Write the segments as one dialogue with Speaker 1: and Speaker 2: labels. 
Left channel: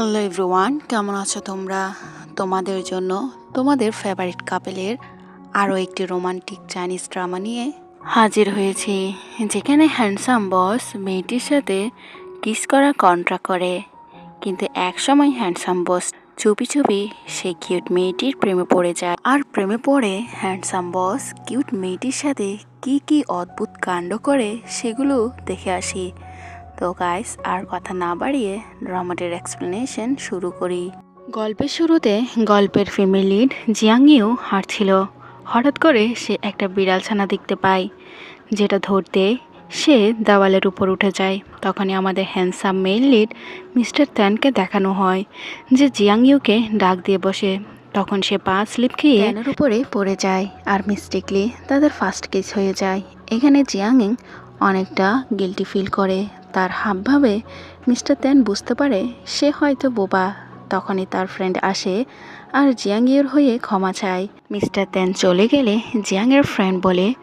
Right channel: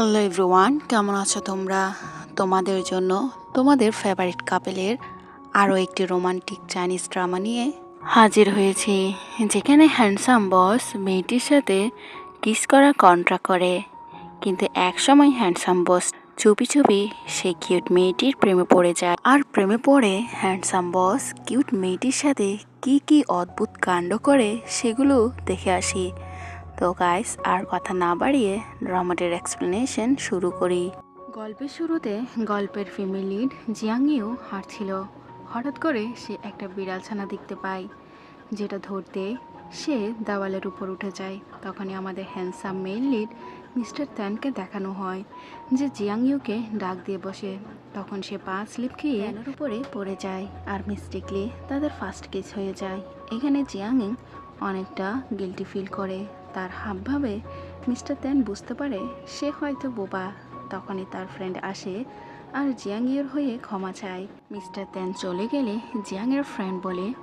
Speaker 1: Hello everyone, কেমন আছো তোমরা? তোমাদের জন্য তোমাদের ফেভারিট কাপেলের আরও একটি রোমান্টিক চাইনিজ ড্রামা নিয়ে হাজির হয়েছি, যেখানে হ্যান্ডসাম বস মেয়েটির সাথে কিস করা কন্ট্রা করে। কিন্তু একসময় হ্যান্ডসাম বস চুপি চুপি সেই কিউট মেয়েটির প্রেমে পড়ে যায়। আর প্রেমে পড়ে হ্যান্ডসাম বস কিউট মেয়েটির সাথে কি কি অদ্ভুত কাণ্ড করে সেগুলো দেখে আসি। তো গাইস আর কথা না বাড়িয়ে ড্রামাটির এক্সপ্লেনেশন শুরু করি। গল্পের শুরুতে গল্পের ফিমেল লিড জিয়াংইউ হাঁটছিল হঠাৎ করে সে একটা বিড়াল ছানা দেখতে পায়, যেটা ধরতে সে দেওয়ালের উপর উঠে যায়। তখনই আমাদের হ্যান্ডসাম মেল লিড মিস্টার ত্যানকে দেখানো হয়, যে জিয়াংইউকে ডাক দিয়ে বসে। তখন সে পা স্লিপ খেয়ে ত্যানের উপরে পড়ে যায় আর মিস্টেকলি তাদের ফার্স্ট কিস হয়ে যায়। এখানে জিয়াংইং অনেকটা গিলটি ফিল করে। তার হাবভাবে মিস্টার ত্যান বুঝতে পারে সে হয়তো বোবা। তখনই তার ফ্রেন্ড আসে আর জিয়াংয়ের হয়ে ক্ষমা চায়। মিস্টার ত্যান চলে গেলে জিয়াংয়ের ফ্রেন্ড বলে,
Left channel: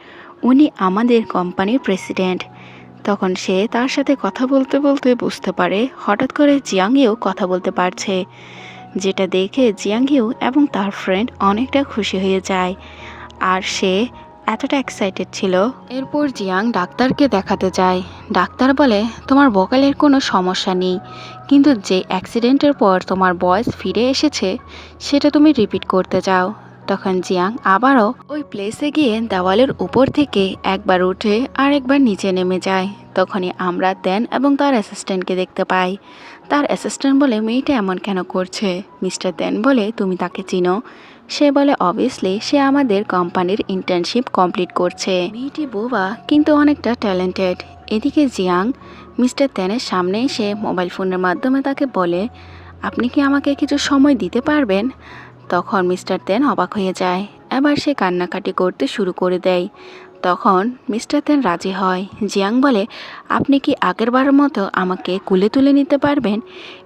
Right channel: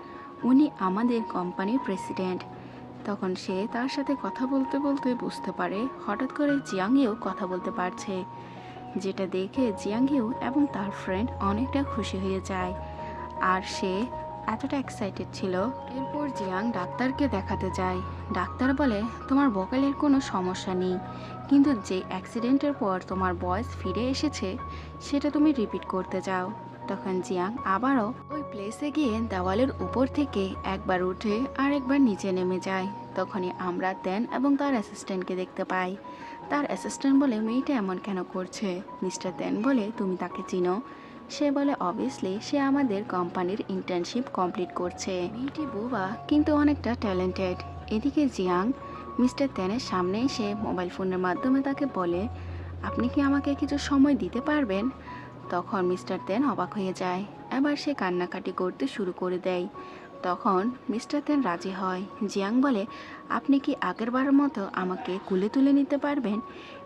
Speaker 1: উনি আমাদের কোম্পানির প্রেসিডেন্ট। তখন সে তার সাথে কথা বলতে বলতে বুঝতে পারে, হঠাৎ করে জিয়াংয়েও কথা বলতে পারছে। যেটা দেখে জিয়াংহিউ এবং তার ফ্রেন্ড অনেকটা খুশি হয়ে যায়। আর সে এতটা এক্সাইটেড ছিল? এরপর জিয়াং ডাক্তারকে দেখাতে যায়। ডাক্তার বলে, তোমার ভোকালের কোনো সমস্যা নেই। কিন্তু যে অ্যাক্সিডেন্টের পর তোমার বয়স ফিরে এসেছে, সেটা তুমি রিপিট করতে চাও। তখন জিয়াং আবারও ওই প্লেসে গিয়ে দেওয়ালের উপর থেকে একবার উঠে আর একবার নিচে নেমে যায়। তখনই আমরা দেন এবং তার অ্যাসিস্ট্যান্টকে দেখতে পাই। তার অ্যাসিস্ট্যান্ট বলে, মেয়েটা এমন কেন করছে? মিস্টার দেন বলে, তুমি তাকে চিনো। সে বলে অবভিয়াসলি সে আমাদের কোম্পানির ইন্টার্নশিপ কমপ্লিট করছে। মেয়েটি বোবা, কিন্তু অনেকটা ট্যালেন্টেড এদিকে জিয়াং, মিস্টার ত্যানের সামনে এসে মোবাইল ফোনের মাধ্যমে তাকে বলে, আপনি কি আমাকে কিছু সময় দিতে পারবেন? তখন মিস্টার ত্যান অবাক হয়ে যায়। আবার সে কান্নাকাটি করতে শুরু করে দেয়। তখন মিস্টার তেন রাজি হয়। জিয়াং বলে, আপনি কি আগের বারের মতো আমাকে কুলে তুলে নিতে পারবেন?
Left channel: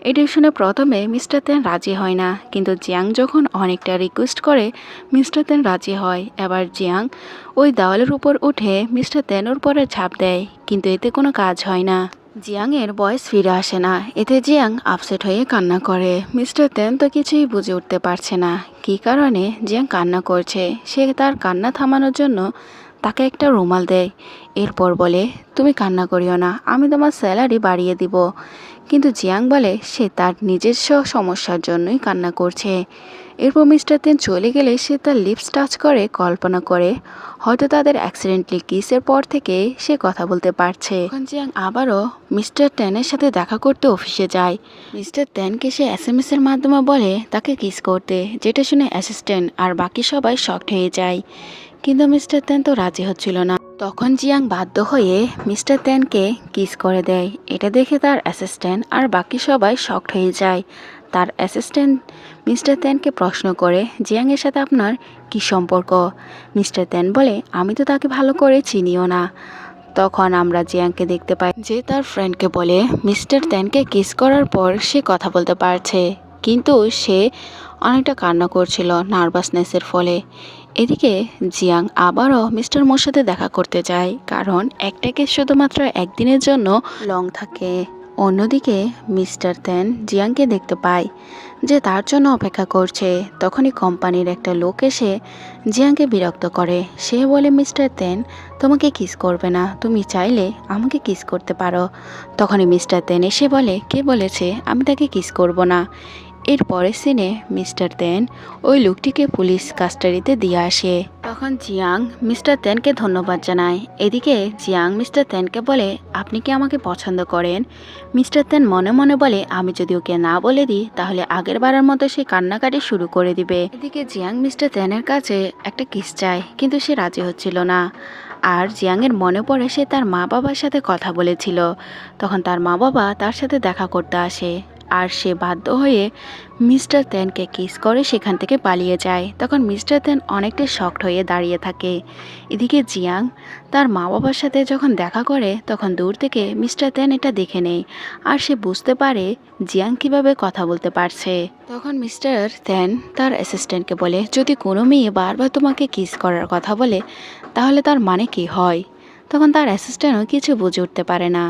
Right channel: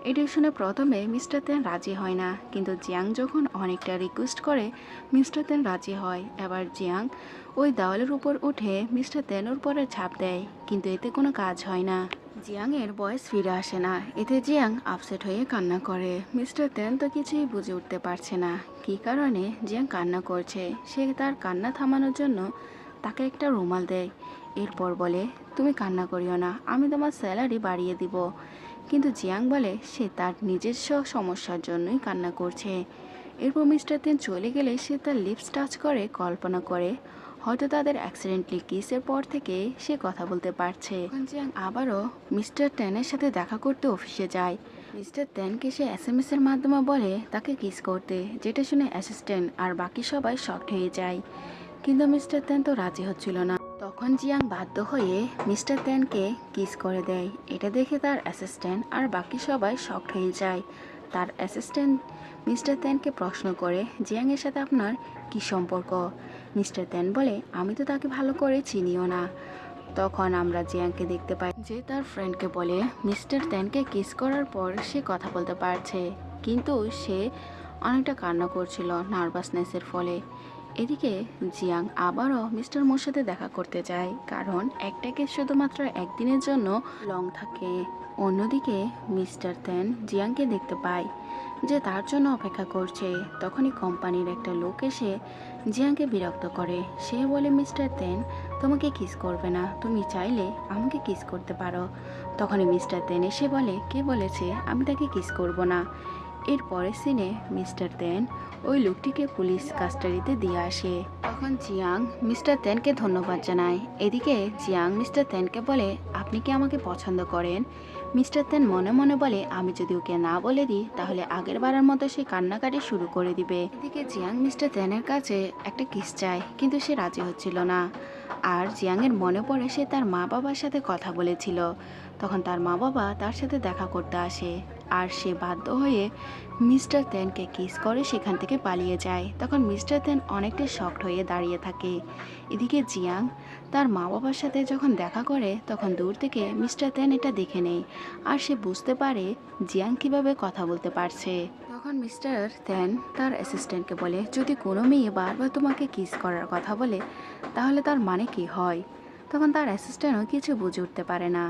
Speaker 1: এটি শুনে প্রথমে মিস্টার তেন রাজি হয় না। কিন্তু জিয়াং যখন অনেকটা রিকোয়েস্ট করে, মিস্টার তেন রাজি হয়। এবার জিয়াং ওই দেওয়ালের উপর উঠে মিস্টার তেনের পরে ছাপ দেয়, কিন্তু এতে কোনো কাজ হয় না। জিয়াংয়ের বয়স ফিরে আসে না। এতে জিয়াং আপসেট হয়ে কান্না করে। মিস্টার তেন তো কিছুই বুঝে উঠতে পারছে না। কী কারণে জিয়াং কান্না করছে? সে তার কান্না থামানোর জন্য তাকে একটা রুমাল দেয়। এরপর বলে, তুমি কান্না করিও না, আমি তোমার স্যালারি বাড়িয়ে দিব। কিন্তু জিয়াং বলে, সে তার নিজস্ব সমস্যার জন্যই কান্না করছে। এরপর মিস্টার তেন চলে গেলে সে তার লিপস টাচ করে, কল্পনা করে, হয়তো তাদের অ্যাক্সিডেন্টলি কিসের পর থেকে সে কথা বলতে পারছে। জিয়াং আবারও মিস্টার টেনের সাথে দেখা করতে অফিসে যায়। মিস্টার টেনকে সে এস এম এর মাধ্যমে বলে, তাকে কিস করতে। যেটা শুনে অ্যাসিস্ট্যান্ট আর বাকি সবাই শকড হয়ে যায়। কিন্তু মিস্টার তেন তো রাজি হচ্ছিল না। তখন জিয়াং বাধ্য হয়ে মিস্টার তেনকে কিস করে দেয়। এটা দেখে তার অ্যাসিস্ট্যান্ট আর বাকি সবাই শক্ট হয়ে যায়। তার অ্যাসিস্ট্যান্ট মিস্টার তেনকে প্রশ্ন করে, জিয়াংয়ের সাথে আপনার কী সম্পর্ক? মিস্টার তেন বলে, আমি তো তাকে ভালো করে চিনিও না। তখন আমরা জিয়াংকে দেখতে পাই যে তার ফ্রেন্ডকে বলে, মিস্টার তেনকে কিস করার পর সে কথা বলতে পারছে। কিন্তু সে অনেকটা কান্না করছিল নার্ভাসনেসের ফলে। এদিকে জিয়াং আবারও মিস্টার মোর সাথে দেখা করতে যায়, কারণ একটা কেস শুধুমাত্র একদিনের জন্য লং থাকে। অন্যদিকে মিস্টার তেন জিয়াংকে দেখতে পায় যে তার জন্য অপেক্ষা করছে। তখনই কোম্পানির একটা লোক এসে জিয়াংকে বিরক্ত করে। সে বলে, মিস্টার তেন, তোমাকে কিস করবে না। তুমি চাইলে আমাকে কিস করতে পারো। তখনই মিস্টার তেন এসে বলে, কে বলেছে? আমি তাকে কিস করব না। এর পরের সিনে মিস্টার তেন ওই লোকটিকে পুলিশ কাস্টাডিতে দিয়ে আসে। তখন জিয়াং মিস্টার তেনকে ধন্যবাদ জানায়। এদিকে জিয়াং মিস্টার তেনকে বলে, আপনি কি আমাকে পছন্দ করেন? মিস্টার তেন মনে মনে বলে, আমি যদি ওকে না বলে দিই, তাহলে আগের বারের মতো সে কান্নাকাটি শুরু করে দিবে। এদিকে জিয়াং মিস্টার তেনের কাছে একটা কিস চায়, কিন্তু সে রাজি হচ্ছিল না। আর জিয়াংয়ের মনে পড়ে সে তার মা বাবার সাথে কথা বলেছিল। তখন তার মা বাবা তার সাথে দেখা করতে আসে। আর সে বাধ্য হয়ে মিস্টার তেনকে কিস করে সেখান থেকে পালিয়ে যায়। তখন মিস্টার তেন অনেকটা শক্ট হয়ে দাঁড়িয়ে থাকে। এদিকে জিয়াং তার মা বাবার সাথে যখন দেখা করে, তখন দূর থেকে মিস্টার তেন এটা দেখে নেয় আর সে বুঝতে পারে জিয়াং কীভাবে কথা বলতে পারছে। তখন মিস্টার তেন তার অ্যাসিস্ট্যান্টকে বলে, যদি কোনো মেয়ে বারবার তোমাকে কিস করার কথা বলে, তাহলে তার মানে কি হয়? তখন তার অ্যাসিস্ট্যান্টও কিছু বুঝে উঠতে পারে না।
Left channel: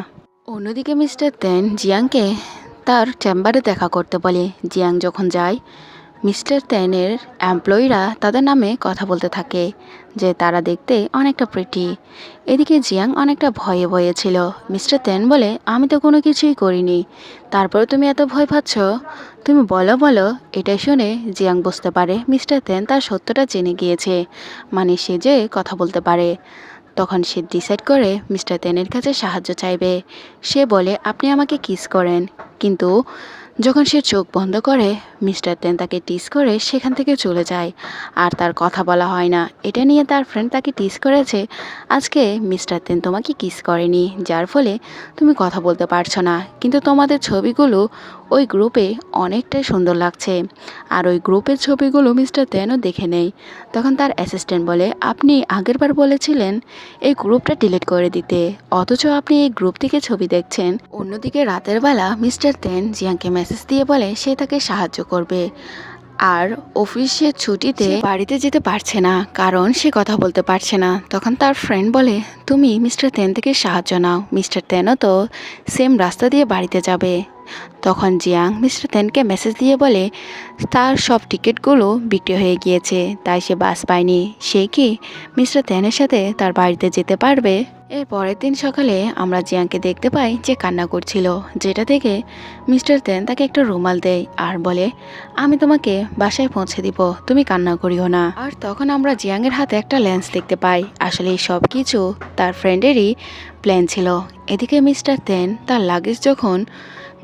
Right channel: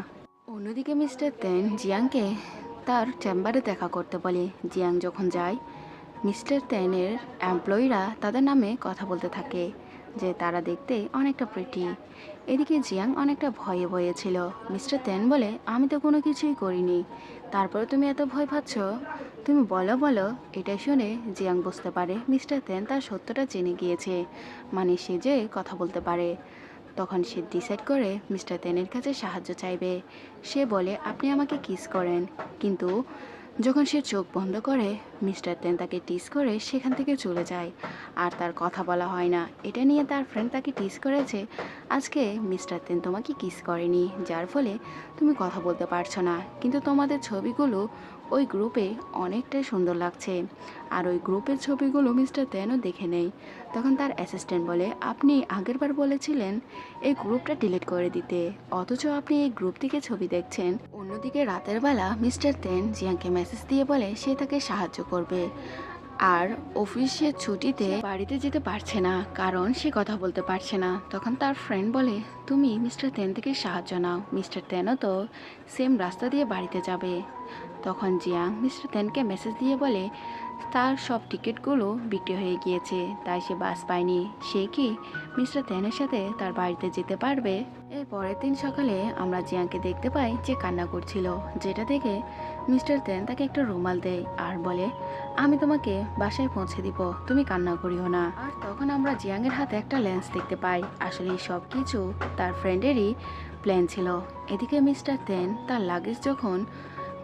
Speaker 1: অন্যদিকে মিস্টার তেন জিয়াংকে তার চেম্বারে দেখা করতে বলে। জিয়াং যখন যায়, মিস্টার তেনের এমপ্লয়িরা তাদের নামে কথা বলতে থাকে, যে তারা দেখতে অনেকটা প্রিটি এদিকে জিয়াং অনেকটা ভয়ে ভয়ে ছিল। মিস্টার তেন বলে, আমি তো কোনো কিছুই করিনি। তারপরে তুমি এত ভয় পাচ্ছ? তুমি বলো বলো। এটা শুনে জিয়াং বুঝতে পারে মিস্টার তেন তার সত্যটা জেনে গিয়েছে মানে সে যে কথা বলতে পারে। তখন সে ডিসাইড করে মিস্টার তেনের কাছে সাহায্য চাইবে। সে বলে, আপনি আমাকে কিস করেন। কিন্তু যখন সে চোখ বন্ধ করে মিস্টার তেন তাকে টিস করে সেখান থেকে চলে যায়। আর তার কথা বলা হয় না। এটা নিয়ে তার ফ্রেন্ড তাকে টিস করেছে, আজকে মিস্টার তেন তোমাকে কিস করেনি। যার ফলে তুমি কথা বলতে পারছ না। কিন্তু তোমাদের ছবিগুলো ওই গ্রুপে অনেকটাই সুন্দর লাগছে। আর ওই গ্রুপের ছবিগুলো মিস্টার তেনও দেখে নেই। তখন তার অ্যাসিস্ট্যান্ট বলে, আপনি আগেরবার বলেছিলেন এই গ্রুপটা ডিলিট করে দিতে। অথচ আপনি এই গ্রুপ থেকে ছবি দেখছেন। অন্যদিকে রাতের বেলা মিস্টার তেন জিয়াংকে মেসেজ দিয়ে বলে, সে তাকে সাহায্য করবে। আর অফিসের ছুটিতে বাড়িতে যেতে পারছে না, কারণ সে কথা বলতে পারছে না। তখন তার ফ্রেন্ড বলে, তুমি মিস্টার তেন থেকে সাহায্য নাও। মিস্টার তেনও তো সেম রাস্তা দিয়ে বাড়িতে যাবে। তখন জিয়াং মিস্টার তেনকে মেসেজ দিয়ে বলে, তার সব টিকিটগুলো বিক্রি হয়ে গিয়েছে, তাই সে বাস পায়নি। সে কি মিস্টার তেনের সাথে তার বাড়িতে যেতে পারবে? এর পরের দিন সকালে আমরা জিয়াংকে দেখতে পাই যে কান্না করছিল, যেটা থেকে মিস্টার তেন তাকে একটা রুমাল দেয় আর বলে, আমি তোমাকে বাসায় পৌঁছে দিব, তুমি কান্না করিও না। আর তখন আমরা জিয়াংয়ের হাতে একটা লেন্স দেখতে পাই। আসলে সব কিছু তার ফ্রেন্ডেরই প্ল্যান ছিল। এদিকে মিস্টার তেন তার লাগেজ যখন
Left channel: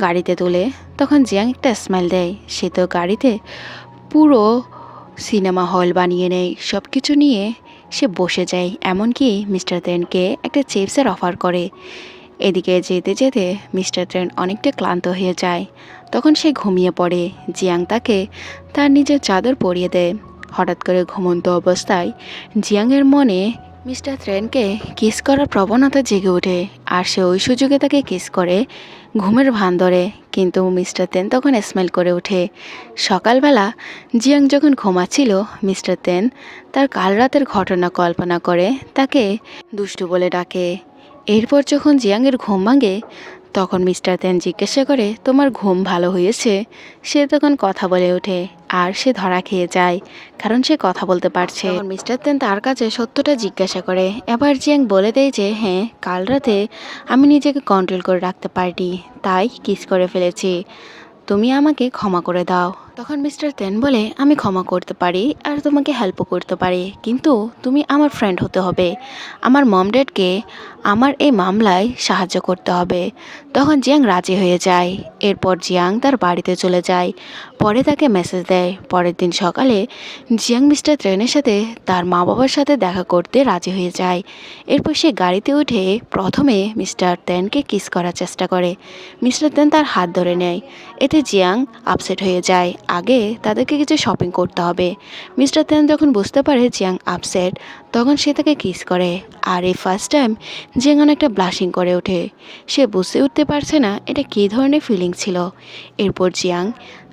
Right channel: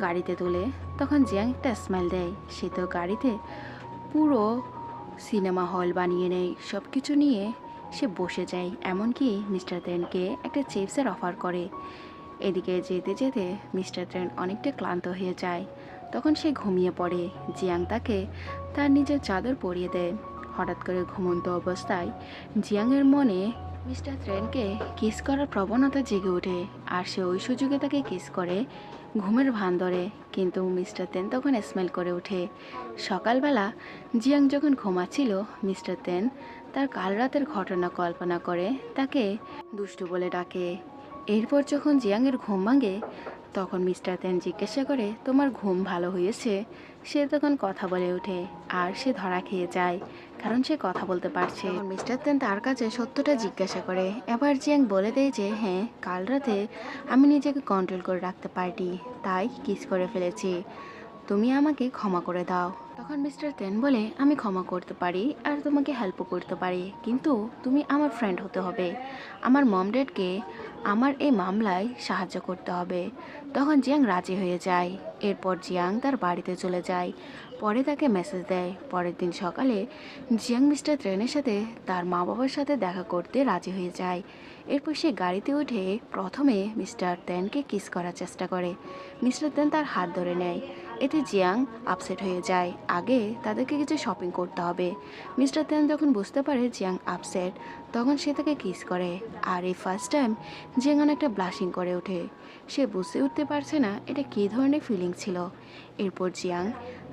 Speaker 1: গাড়িতে তুলে, তখন জিয়াং একটা স্মাইল দেয়। সে তো গাড়িতে পুরো সিনেমা হল বানিয়ে নেয়। সব কিছু নিয়ে সে বসে যায়, এমনকি মিস্টার তেনকে একটা চিপসের অফার করে। এদিকে যেতে যেতে মিস্টার ট্রেন অনেকটা ক্লান্ত হয়ে যায়। তখন সে ঘুমিয়ে পড়ে। জিয়াং তাকে তার নিজের চাদর পরিয়ে দেয়। হঠাৎ করে ঘুমন্ত অবস্থায় জিয়াংয়ের মনে মিস্টার থ্রেনকে কিস করার প্রবণতা জেগে ওঠে আর সে ওই সুযোগে তাকে কিস করে ঘুমের ভান ধরে। কিন্তু মিস্টার তেন তখন স্মাইল করে ওঠে। সকালবেলা জিয়াং যখন ঘুমাচ্ছিল, মিস্টার তেন তার কাল রাতের ঘটনা কল্পনা করে, তাকে দুষ্টু বলে ডাকে। এরপর যখন জিয়াংয়ের ঘুম ভাঙে তখন মিস্টার তেন জিজ্ঞাসা করে, তোমার ঘুম ভালো হয়েছে? সে তখন কথা বলে ওঠে, আর সে ধরা খেয়ে যায়, কারণ সে কথা বলতে পারছে। মিস্টার তেন তার কাছে সত্যটা জিজ্ঞাসা করে, এবার জিয়াং বলে দেয় যে হ্যাঁ কাল রাতে আমি নিজেকে কন্ট্রোল করে রাখতে পারি তাই কিস করে ফেলেছি। তুমি আমাকে ক্ষমা করে দাও। তখন মিস্টার তেন বলে, আমি ক্ষমা করতে পারি আর তোমাকে হেল্পও করতে পারি, কিন্তু তুমি আমার ফ্রেন্ড হতে হবে। আমার মম ড্যাডকে আমার এই মামলায় সাহায্য করতে হবে। তখন জিয়াং রাজি হয়ে যায়। এরপর জিয়াং তার বাড়িতে চলে যায়। পরে তাকে মেসেজ দেয়। পরের দিন সকালে জিয়াং মিস্টার ট্রেনের সাথে তার মা বাবার সাথে দেখা করতে রাজি হয়ে যায়। এরপর সে গাড়িতে উঠে প্রথমে মিস্টার তেনকে কিস করার চেষ্টা করে। মিস্টার তেন তার হাত ধরে নেয়। এতে জিয়াং আপসেট হয়ে যায়। আগে তাদেরকে কিছু শপিং করতে হবে। মিস্টার তেন যখন বুঝতে পারে জিয়াং আপসেট তখন সে তাকে কিস করে। আর এই ফার্স্ট টাইম জিয়াং অনেকটা ব্লাশিং করে ওঠে। সে বুঝতে উঠতে পারছে না এটা কী ধরনের ফিলিং ছিল। এরপর জিয়াং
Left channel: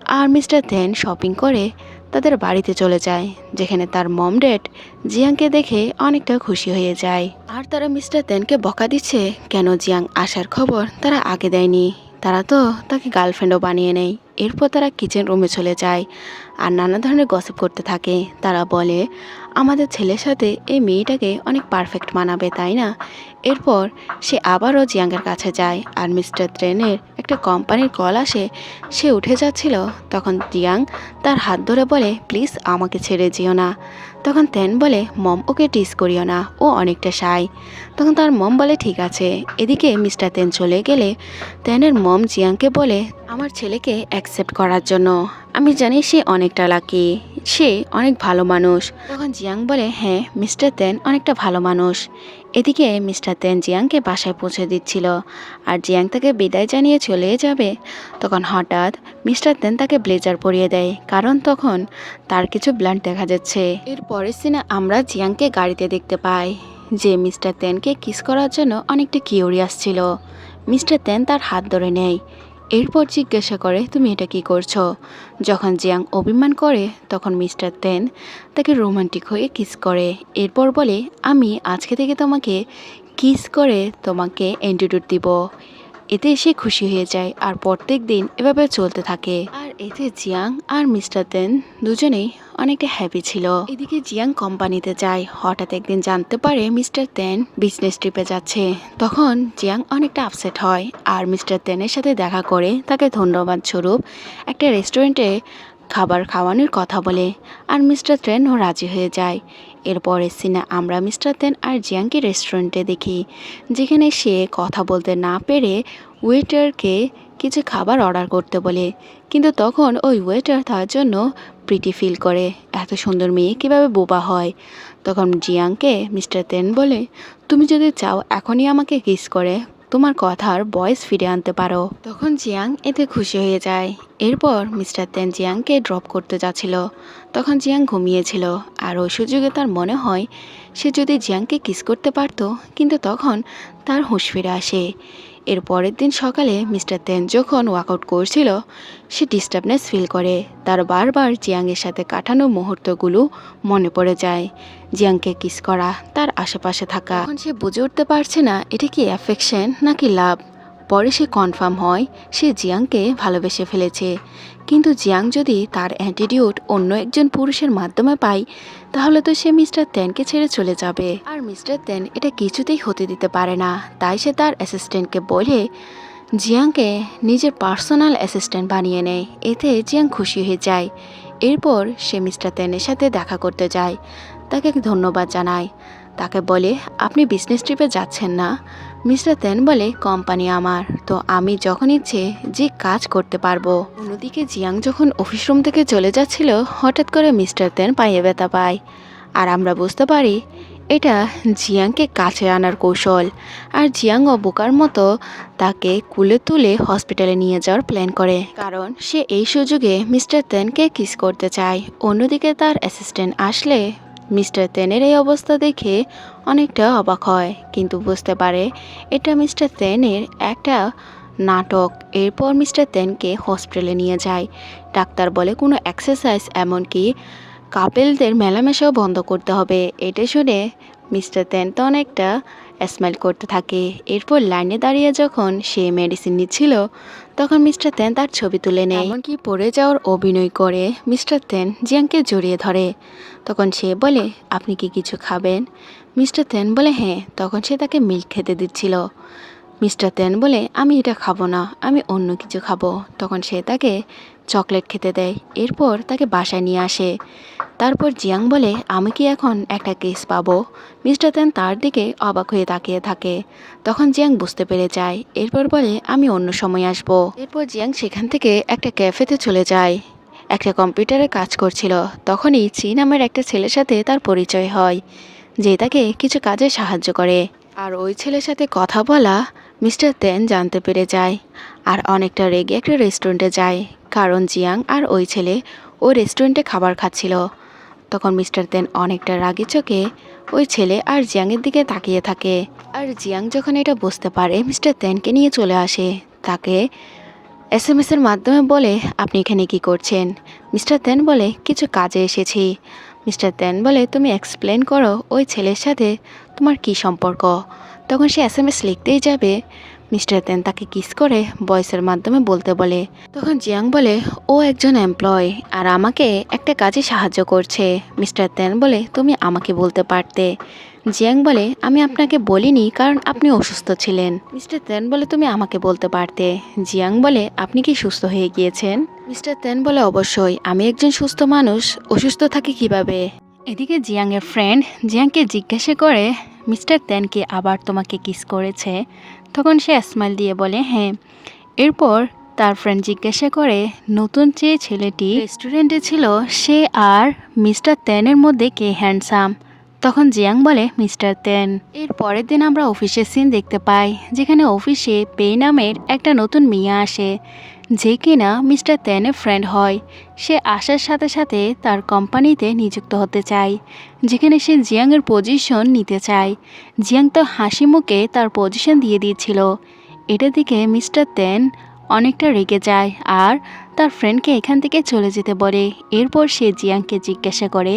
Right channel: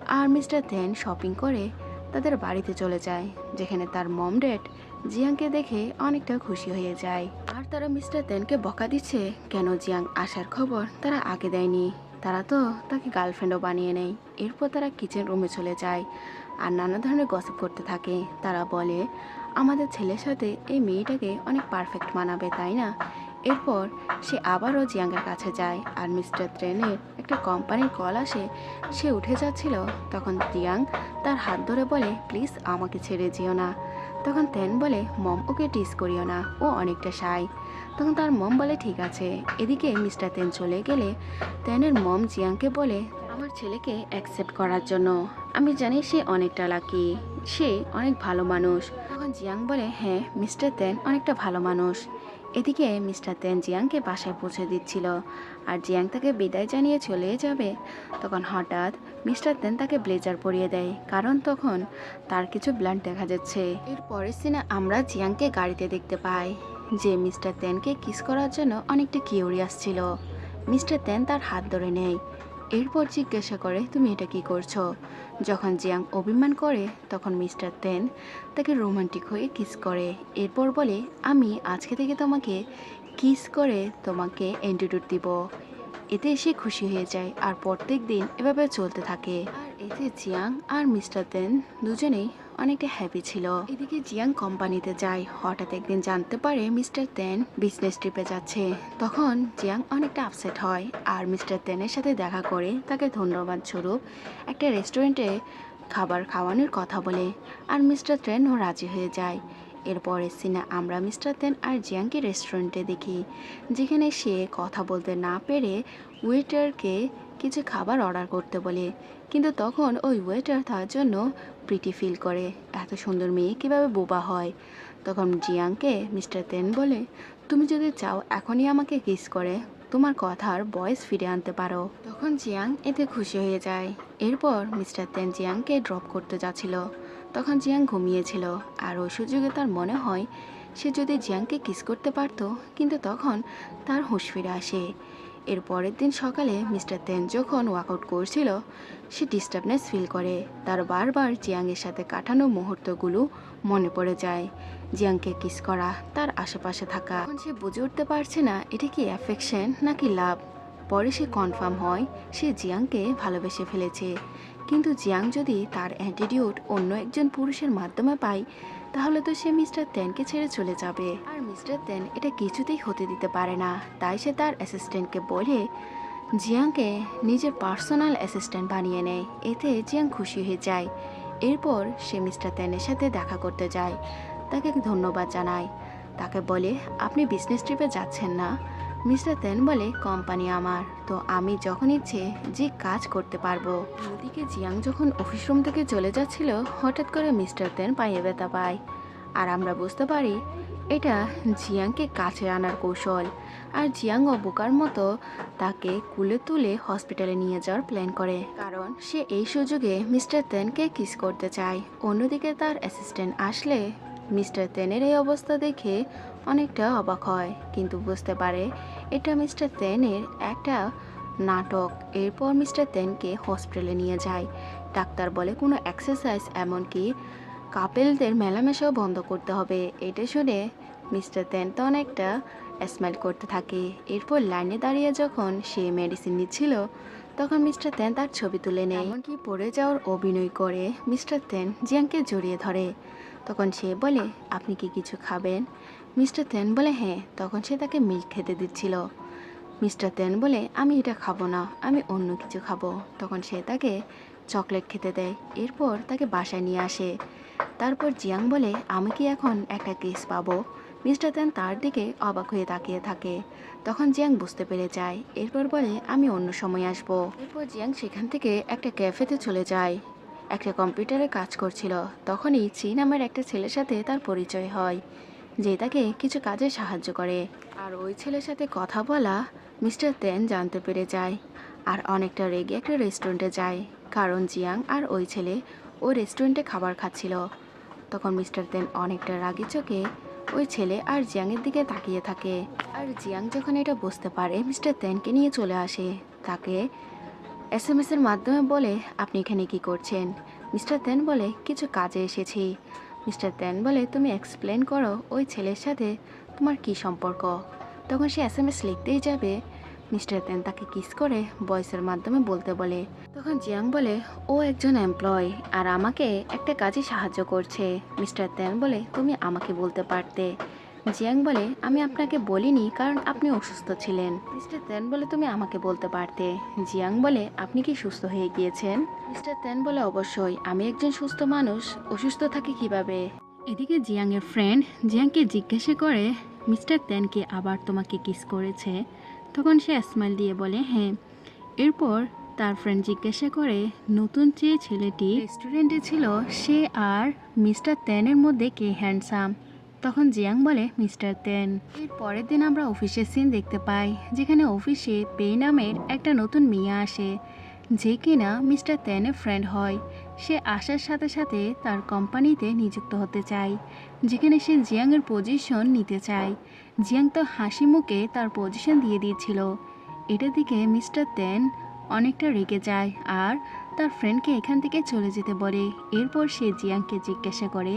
Speaker 1: আর মিস্টার তেন শপিং করে তাদের বাড়িতে চলে যায়, যেখানে তার মম ড্যাড জিয়াংকে দেখে অনেকটা খুশি হয়ে যায়। আর তারা মিস্টার তেনকে বকা দিচ্ছে, কেন জিয়াং আসার খবর তারা আগে দেয়নি? তারা তো তাকে গার্লফ্রেন্ডও বানিয়ে নেয়। এরপর তারা কিচেন রুমে চলে যায় আর নানা ধরনের গসিপ করতে থাকে। তারা বলে, আমাদের ছেলের সাথে এই মেয়েটাকে অনেক পারফেক্ট মানাবে, তাই না? এরপর সে আবারও জিয়াংয়ের কাছে যায় আর মিস্টার ট্রেনের একটা কোম্পানির কল আসে। সে উঠে যাচ্ছিল, তখন জিয়াং তার হাত ধরে বলে, প্লিজ আমাকে ছেড়ে যেও না। তখন তেন বলে, মম, ওকে টিস করিও না, ও অনেকটা সাই তখন তার মম বলে, ঠিক আছে। এদিকে মিস্টার তেন চলে গেলে তেনের মম জিয়াংকে বলে, আমার ছেলেকে অ্যাকসেপ্ট করার জন্য। আমি জানি সে অনেকটা লাকি সে অনেক ভালো মানুষ। তখন জিয়াং বলে হ্যাঁ মিস্টার তেন অনেকটা ভালো মানুষ। এদিকে মিস্টার তেন জিয়াংকে বাসায় পৌঁছে দিচ্ছিল। আর জিয়াং তাকে বিদায় জানিয়ে চলে যাবে, তখন হঠাৎ মিস্টার তেন তাকে ব্লেজার পরিয়ে দেয়, কারণ তখন তার কিছু ব্লান্ট দেখা যাচ্ছে। এর পরের সিনে আমরা জিয়াংকে গাড়িতে দেখতে পাই, যে মিস্টার তেনকে কিস করার জন্য অনেকটা কিউরিয়াস ছিল। মিস্টার তেন তার হাত ধরে নেয় এরপর জিজ্ঞাসা করে, তুমি এটা কি করছ? যখন জিয়াং অভিমান করে, তখন মিস্টার তেন তাকে রোমান্টিক হয়ে কিস করে। এরপর বলে, আমি আজকে থেকে তোমাকে কিস করে তোমাকে অ্যান্টিটিউড দিব। এতে সে খুশি হয়ে যায় আর প্রত্যেক দিন এভাবে চলতে থাকে। আর এতে জিয়াং আর মিস্টার তেন দুজনেই অনেকটা হ্যাপি ছিল। এদিকে জিয়াং কোম্পানিতে যায়। হঠাৎ একদিন জানতে পারে মিস্টার তেন বিজনেস ট্রিপে যাচ্ছে। তখন জিয়াং অনেকটা আপসেট হয় আর মিস্টার তেনের সাথে দেখা করে তাকে ধন্যবাদ স্বরূপ একটা রেস্টুরেন্টে খাবার খাওয়ানোর কথা বলে আর মিস্টার তেনও রাজি হয়ে যায়। এরপরের সিনে আমরা মিস্টার তেন আর জিয়াংকে রেস্টুরেন্টে দেখি, যেখানে সে কথা বলতে না পেরে ওয়েটারকে কিছু খাবার অর্ডার করতে বলে। কিন্তু তখন ওই ওয়েটার তার জন্য প্রিটি ফিল করে, এত সুন্দর মেয়ে কীভাবে বোবা হয়? তখন জিয়াংকে মিস্টার তেন বলে, তুমি যদি চাও এখনই আমাকে কিস করে, তোমার কথার ভয়েস ফিরে আনতে পারো। তখন জিয়াং এতে খুশি হয়ে যায়। এরপর মিস্টার তেন জিয়াংকে ড্রপ করতে যাচ্ছিল। তখন জিয়াং ঘুমিয়েছিল। আর ওই সুযোগে তার মনে হয়, সে যদি জিয়াংকে কিস করতে পারতো, কিন্তু তখন তার হুঁশ ফিরে আসে। এর পরের দিন সকালে মিস্টার তেন যখন ওয়ার্কআউট করছিল, সে ডিস্টার্বনেস ফিল করে। তার বারবার জিয়াংয়ের সাথে কাটানো মুহূর্তগুলো মনে পড়ে যায়। জিয়াংকে কিস করা, তার আশেপাশে থাকা। এখন সে বুঝে উঠতে পারছে না, এটা কি অ্যাফেকশন নাকি লাভ পরে সে কনফার্ম হয়, সে জিয়াংকে ভালোবেসে ফেলেছে। কিন্তু জিয়াং যদি তার অ্যাটিটিউড অন্য একজন পুরুষের মাধ্যমে পায় তাহলে তো সে মিস্টার তেনকে ছেড়ে চলে যাবে। আর মিস্টার তেন এটা কিছুতেই হতে দিতে পারে না। তাই সে তার অ্যাসিস্ট্যান্টকে বলে, জিয়াংকে নিজের পার্সোনাল অ্যাসিস্ট্যান্ট বানিয়ে নেয় এতে জিয়াং খুশি হয়ে যায়। এরপর সে মিস্টার তেনের সাথে দেখা করতে যায়। তাকে ধন্যবাদ জানায়। তাকে বলে, আপনি বিজনেস ট্রিপে যাচ্ছেন না। মিস্টার তেন বলে, কোম্পানি আমার, তো আমি যখন ইচ্ছে যে কাজ করতে পারব। অন্যদিকে জিয়াং যখন অফিস রুম থেকে চলে যাচ্ছিল, হঠাৎ করে মিস্টার তেন পায়ে ব্যথা পায়। আর আমরা বুঝতে পারি, এটা জিয়াংকে কাছে আনার কৌশল। আর জিয়াং ও বোকার মতো তাকে কুলে তুলে হসপিটালে নিয়ে যাওয়ার প্ল্যান করে। কারণ সে এই সুযোগে মিস্টার তেনকে কিস করতে চায়। অন্যদিকে তার অ্যাসিস্ট্যান্ট আসলে মিস্টার তেনের এই অবস্থা দেখে অনেকটা অবাক হয়, কিন্তু বুঝতে পারে এটা মিস্টার তেনের একটা নাটক। এরপর মিস্টার তেনকে হসপিটালে নিয়ে যায়। ডাক্তার বলে, কোনো এক্সারসাইজ এমনকি কাপেলদের মেলামেশাও বন্ধ করতে হবে। এটা শুনে মিস্টার তেন তো অনেকটা স্মাইল করতে থাকে। এরপর লাইনে দাঁড়িয়ে যখন সে মেডিসিন নিচ্ছিল, তখন মিস্টার তেন তার ছবি তুলে নেয়। এমনকি পড়ে যাওয়ার অভিনয় করে মিস্টার তেন জিয়াংকে জড়িয়ে ধরে। তখন সে বলে, আপনি কি কিছু খাবেন? মিস্টার তেন বলে হ্যাঁ তখন সে তাকে মিল্ক খেতে দিচ্ছিল। মিস্টার তেন বলে, আমি এটা খাব না, আমি অন্য কিছু খাব। তখন সে তাকে চকলেট খেতে দেয়। এরপর তাকে বাসায় নিয়ে আসে। তারপর জিয়াং বলে, আমি কি এখন একটা কেস পাবো? মিস্টার তেন তার দিকে অবাক হয়ে তাকিয়ে থাকে। তখন জিয়াং বুঝতে পেরে যায়। এরপর বলে, আমি অন্য সময় আসব। এরপর জিয়াং সেখান থেকে একটা ক্যাফেতে চলে যায়। একটা কম্পিউটারে কাজ করছিল। তখনই চি নামের একটা ছেলের সাথে তার পরিচয় হয়। যে তাকে কিছু কাজে সাহায্য করে। আর ওই ছেলের সাথে কথা বলা মিস্টার তেন জানতে পেরে যায়। আর অনেকটা রেগে একটা রেস্টুরেন্টে যায়, কারণ জিয়াং আর ওই ছেলে ওই রেস্টুরেন্টে খাবার খাচ্ছিল। তখন মিস্টার তেন অনেকটা রাগি চোখে ওই ছেলে আর জিয়াংয়ের দিকে তাকিয়ে থাকে। আর জিয়াং যখন এটা বুঝতে পারে, মিস্টার তেনকে নিয়ে চলে আসে। তাকে এস এম এসের মাধ্যমে বলে, আপনি এখানে কি করছেন? মিস্টার তেন বলে, কিছু কাজে এসেছি। মিস্টার তেন বলে, তুমি এক্সপ্লেন করো ওই ছেলের সাথে তোমার কি সম্পর্ক? তখন সে এস এম এস লিখতেই যাবে। মিস্টার তেন তাকে কিস করে বয়সের মাধ্যমে বলতে বলে। তখন জিয়াং বলে, ও একজন এমপ্লয় আর আমাকে একটা কাজে সাহায্য করছে। মিস্টার তেন বলে, তুমি আমাকে বলতে পারতে। জিয়াং বলে আমি আপনাকে বলিনি কারণ আপনি অসুস্থ ছিলেন। মিস্টার তেন বলে তুমি আমাকে বলতে পারতে। জিয়াং বলে আপনি কি সুস্থ হয়ে গিয়েছেন? মিস্টার তেন বলে অবশ্যই। আমি একজন সুস্থ মানুষ অসুস্থ থাকি কীভাবে? এদিকে জিয়াংয়ের ফ্রেন্ড জিয়াংকে জিজ্ঞাসা করে মিস্টার তেন কি আবার তোমাকে কিস করেছে? তখন সে স্মাইল দিয়ে বলে হ্যাঁ। এরপর তার ফ্রেন্ড জিজ্ঞাসা করে নতুন যে ছেলেটি রেস্টুরেন্টে ছিল সে আর মিস্টার তেনের মধ্যে কে হ্যান্ডসাম তখন জিয়াং বলে, মিস্টার তেন। এর পরের দিন আমরা অফিসের সিন দেখতে পাই, যেখানে অফিসে পে নামের একটা নতুন মেয়ে আসে, যে কিনা মিস্টার তেনের ফ্রেন্ড হয়। সে আসার সাথে সাথে তার কোম্পানিতে নিযুক্ত হতে চায়, যেখানে সে জিয়াংয়ের পজিশন নিতে চায়। জিয়াং তো হাসি মুখে তার পজিশন দিয়ে দিয়েছিল। এটা দিকে মিস্টার তেন অনেকটা রেগে যায় আর তার ফ্রেন্ডকে এখান থেকে চলে যেতে বলে। এরপর সে জিয়াংকে জিজ্ঞাসা করে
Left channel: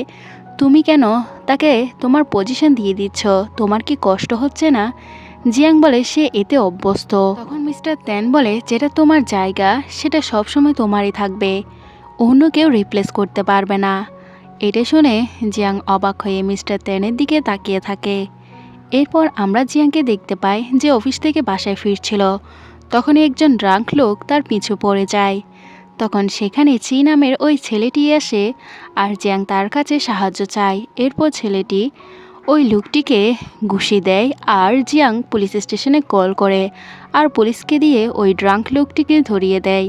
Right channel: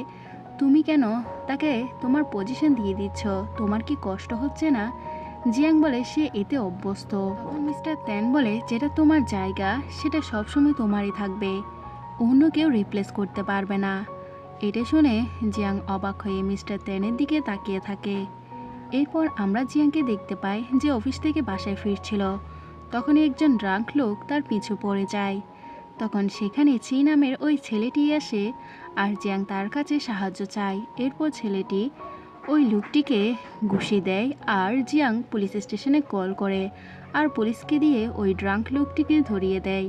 Speaker 1: তুমি কেন তাকে তোমার পজিশন দিয়ে দিচ্ছ? তোমার কি কষ্ট হচ্ছে না? জিয়াং বলে, সে এতে অভ্যস্ত। তখন মিস্টার তেন বলে, যেটা তোমার জায়গা, সেটা সবসময় তোমারই থাকবে। অন্য কেউ রিপ্লেস করতে পারবে না। এটা শুনে জিয়াং অবাক হয়ে মিস্টার তেনের দিকে তাকিয়ে থাকে। এরপর আমরা জিয়াংকে দেখতে পাই যে অফিস থেকে বাসায় ফিরছিল। তখনই একজন ড্রাঙ্ক লোক তার পিছু পড়ে যায়। তখন সেখানে চি নামের ওই ছেলেটি আসে আর জ্যাং তার কাছে সাহায্য চায়। এরপর ছেলেটি ওই লোকটিকে ঘুষি দেয় আর জিয়াং পুলিশ স্টেশনে কল করে আর পুলিশকে দিয়ে ওই ড্রাঙ্ক লোকটিকে ধরিয়ে দেয়।